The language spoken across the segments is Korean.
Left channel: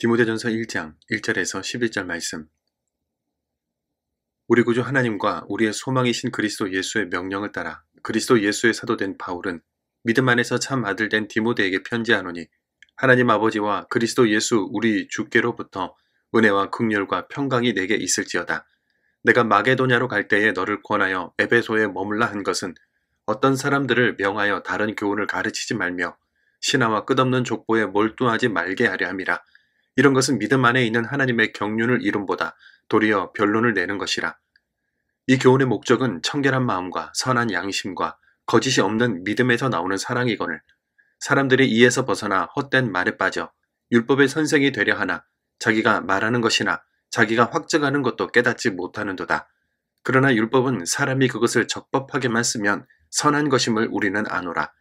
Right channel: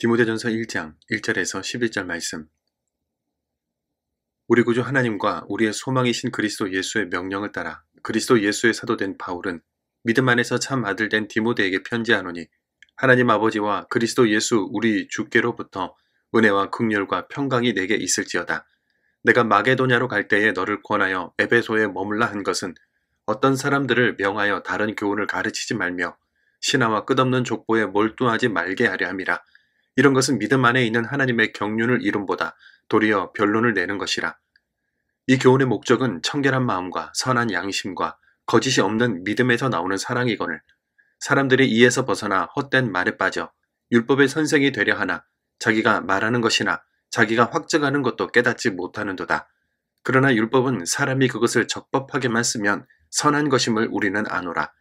디모데전서 1장 1절에서 11절 말씀. 우리 구주 하나님과 우리의 소망이신 그리스도 예수의 명령을 따라 그리스도 예수의 사도된 바울은 믿음 안에서 참 아들 된 디모데에게 편지하노니, 하나님 아버지와 그리스도 예수 우리 주께로부터 은혜와 긍휼과 평강이 내게 있을지어다. 내가 마게도냐로 갈 때에 너를 권하여 에베소에 머물라 한 것은 어떤 사람들을 명하여 다른 교훈을 가르치지 말며 신하와 끝없는 족보에 몰두하지 말게 하려 함이라. 이런 것은 믿음 안에 있는 하나님의 경륜을 이름보다 도리어 변론을 내는 것이라. 이 교훈의 목적은 청결한 마음과 선한 양심과 거짓이 없는 믿음에서 나오는 사랑이거늘, 사람들이 이에서 벗어나 헛된 말에 빠져 율법의 선생이 되려 하나 자기가 말하는 것이나 자기가 확증하는 것도 깨닫지 못하는도다. 그러나 율법은 사람이 그것을 적법하게만 쓰면 선한 것임을 우리는 아노라.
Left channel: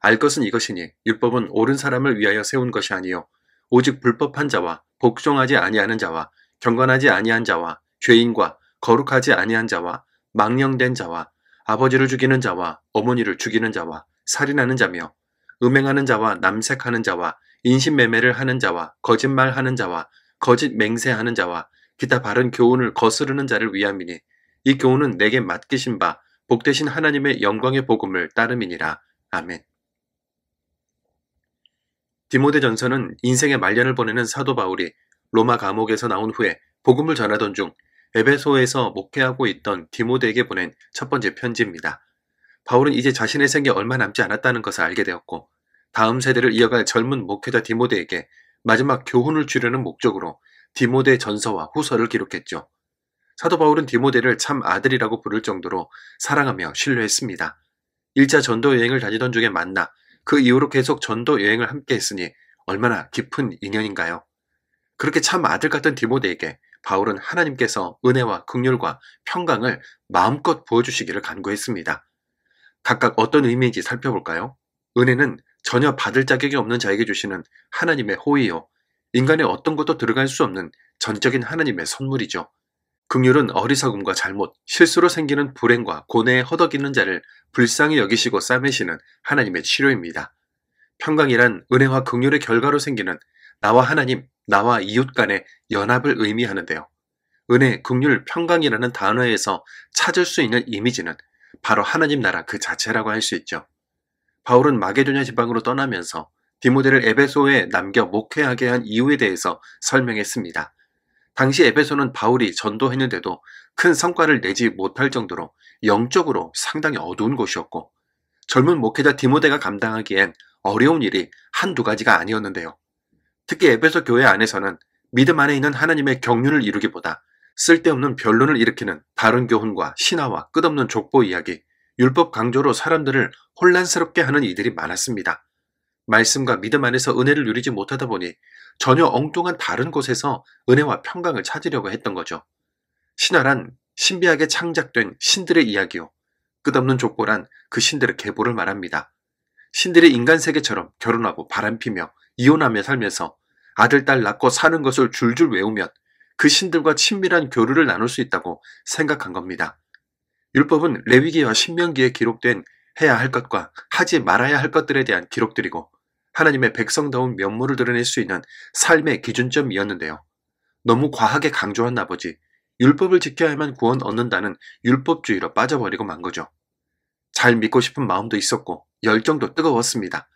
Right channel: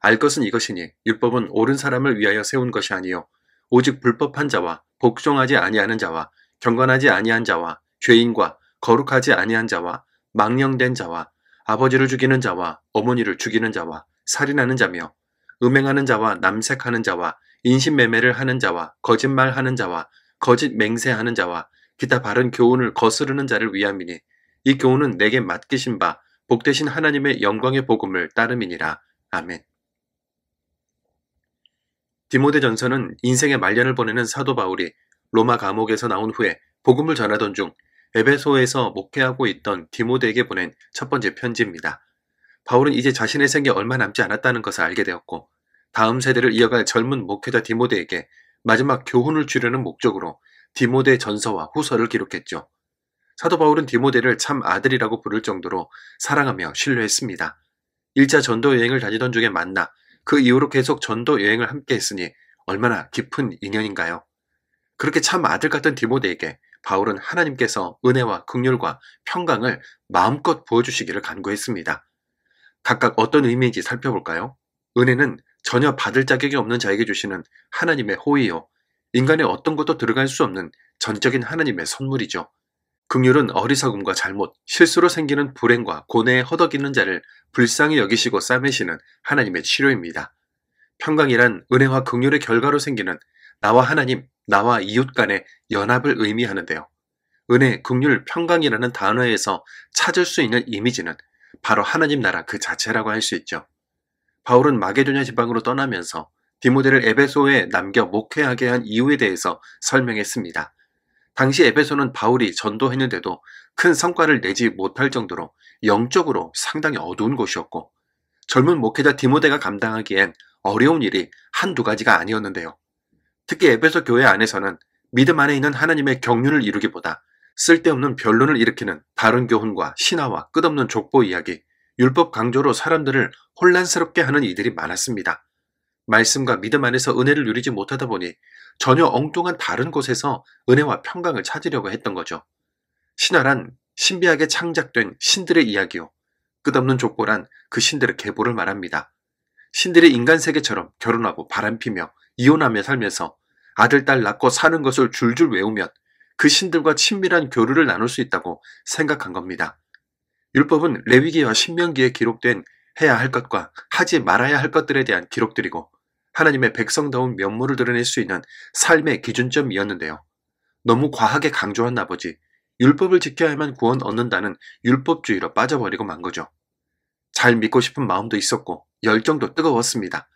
알 것은 이것이니 율법은 옳은 사람을 위하여 세운 것이 아니요 오직 불법한 자와 복종하지 아니하는 자와 경건하지 아니한 자와 죄인과 거룩하지 아니한 자와 망령된 자와 아버지를 죽이는 자와 어머니를 죽이는 자와 살인하는 자며 음행하는 자와 남색하는 자와 인신매매를 하는 자와 거짓말하는 자와 거짓 맹세하는 자와 기타 바른 교훈을 거스르는 자를 위함이니, 이 교훈은 내게 맡기신 바 복되신 하나님의 영광의 복음을 따름이니라. 아멘. 디모데전서는 인생의 말년을 보내는 사도 바울이 로마 감옥에서 나온 후에 복음을 전하던 중 에베소에서 목회하고 있던 디모데에게 보낸 첫 번째 편지입니다. 바울은 이제 자신의 생에 얼마 남지 않았다는 것을 알게 되었고, 다음 세대를 이어갈 젊은 목회자 디모데에게 마지막 교훈을 주려는 목적으로 디모데 전서와 후서를 기록했죠. 사도 바울은 디모데를 참 아들이라고 부를 정도로 사랑하며 신뢰했습니다. 1차 전도 여행을 다니던 중에 만나 그 이후로 계속 전도 여행을 함께 했으니 얼마나 깊은 인연인가요? 그렇게 참 아들 같은 디모데에게 바울은 하나님께서 은혜와 긍휼과 평강을 마음껏 부어주시기를 간구했습니다. 각각 어떤 의미인지 살펴볼까요? 은혜는 전혀 받을 자격이 없는 자에게 주시는 하나님의 호의요, 인간의 어떤 것도 들어갈 수 없는 전적인 하나님의 선물이죠. 긍휼은 어리석음과 잘못, 실수로 생기는 불행과 고뇌에 허덕이는 자를 불쌍히 여기시고 싸매시는 하나님의 치료입니다. 평강이란 은혜와 긍휼의 결과로 생기는 나와 하나님, 나와 이웃 간의 연합을 의미하는데요. 은혜, 긍휼, 평강이라는 단어에서 찾을 수 있는 이미지는 바로 하나님 나라 그 자체라고 할 수 있죠. 바울은 마게도냐 지방으로 떠나면서 디모데를 에베소에 남겨 목회하게 한 이유에 대해서 설명했습니다. 당시 에베소는 바울이 전도했는데도 큰 성과를 내지 못할 정도로 영적으로 상당히 어두운 곳이었고, 젊은 목회자 디모데가 감당하기엔 어려운 일이 한두 가지가 아니었는데요. 특히 에베소 교회 안에서는 믿음 안에 있는 하나님의 경륜을 이루기보다 쓸데없는 변론을 일으키는 다른 교훈과 신화와 끝없는 족보 이야기, 율법 강조로 사람들을 혼란스럽게 하는 이들이 많았습니다. 말씀과 믿음 안에서 은혜를 누리지 못하다 보니 전혀 엉뚱한 다른 곳에서 은혜와 평강을 찾으려고 했던 거죠. 신화란 신비하게 창작된 신들의 이야기요, 끝없는 족보란 그 신들의 계보를 말합니다. 신들이 인간 세계처럼 결혼하고 바람피며 이혼하며 살면서 아들, 딸 낳고 사는 것을 줄줄 외우면 그 신들과 친밀한 교류를 나눌 수 있다고 생각한 겁니다. 율법은 레위기와 신명기에 기록된 해야 할 것과 하지 말아야 할 것들에 대한 기록들이고, 하나님의 백성다운 면모를 드러낼 수 있는 삶의 기준점이었는데요. 너무 과하게 강조한 나머지 율법을 지켜야만 구원 얻는다는 율법주의로 빠져버리고 만 거죠. 잘 믿고 싶은 마음도 있었고 열정도 뜨거웠습니다.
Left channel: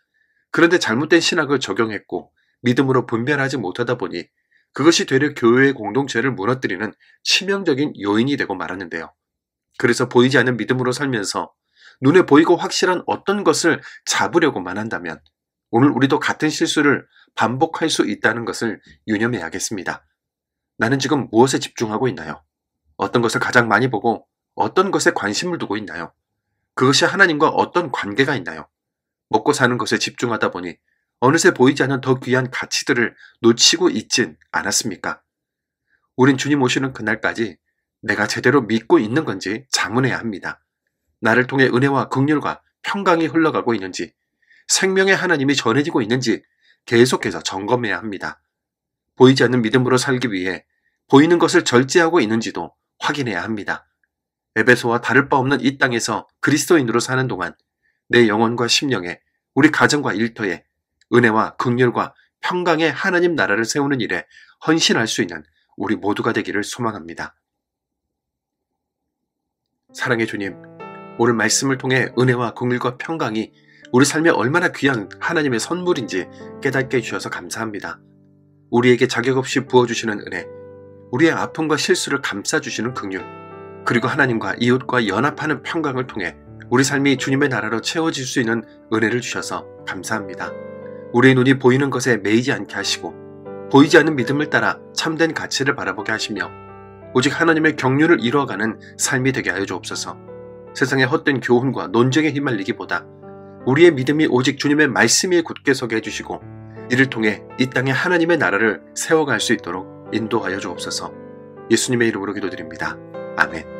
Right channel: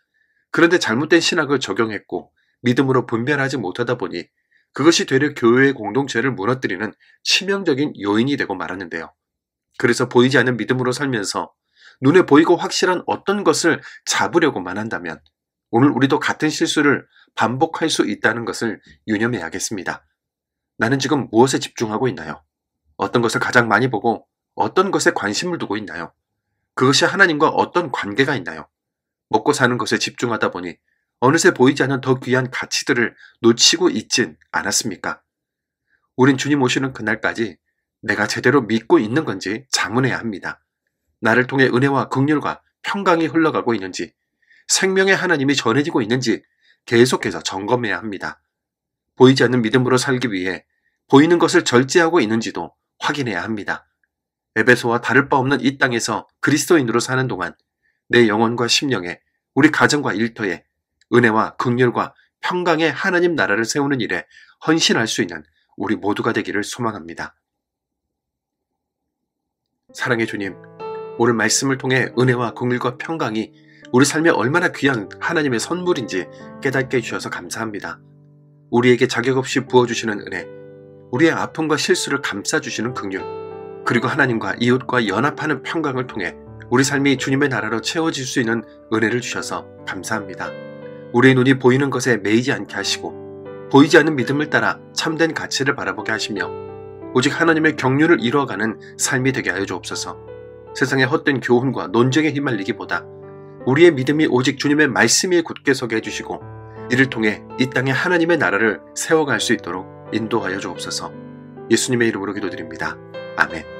그런데 잘못된 신학을 적용했고 믿음으로 분별하지 못하다 보니 그것이 되려 교회의 공동체를 무너뜨리는 치명적인 요인이 되고 말았는데요. 그래서 보이지 않는 믿음으로 살면서 눈에 보이고 확실한 어떤 것을 잡으려고만 한다면 오늘 우리도 같은 실수를 반복할 수 있다는 것을 유념해야겠습니다. 나는 지금 무엇에 집중하고 있나요? 어떤 것을 가장 많이 보고 어떤 것에 관심을 두고 있나요? 그것이 하나님과 어떤 관계가 있나요? 먹고 사는 것에 집중하다 보니 어느새 보이지 않는 더 귀한 가치들을 놓치고 있진 않았습니까? 우린 주님 오시는 그날까지 내가 제대로 믿고 있는 건지 자문해야 합니다. 나를 통해 은혜와 긍휼과 평강이 흘러가고 있는지, 생명의 하나님이 전해지고 있는지 계속해서 점검해야 합니다. 보이지 않는 믿음으로 살기 위해 보이는 것을 절제하고 있는지도 확인해야 합니다. 에베소와 다를 바 없는 이 땅에서 그리스도인으로 사는 동안 내 영혼과 심령에, 우리 가정과 일터에 은혜와 긍휼과 평강의 하나님 나라를 세우는 일에 헌신할 수 있는 우리 모두가 되기를 소망합니다. 사랑의 주님, 오늘 말씀을 통해 은혜와 긍휼과 평강이 우리 삶에 얼마나 귀한 하나님의 선물인지 깨닫게 해주셔서 감사합니다. 우리에게 자격 없이 부어주시는 은혜, 우리의 아픔과 실수를 감싸주시는 긍휼, 그리고 하나님과 이웃과 연합하는 평강을 통해 우리 삶이 주님의 나라로 채워질 수 있는 은혜를 주셔서 감사합니다. 우리의 눈이 보이는 것에 매이지 않게 하시고 보이지 않는 믿음을 따라 참된 가치를 바라보게 하시며 오직 하나님의 경륜을 이루어가는 삶이 되게 하여 주옵소서. 세상의 헛된 교훈과 논쟁에 휘말리기보다 우리의 믿음이 오직 주님의 말씀 위에 굳게 서게 해주시고 이를 통해 이 땅에 하나님의 나라를 세워갈 수 있도록 인도하여 주옵소서. 예수님의 이름으로 기도드립니다. 아멘.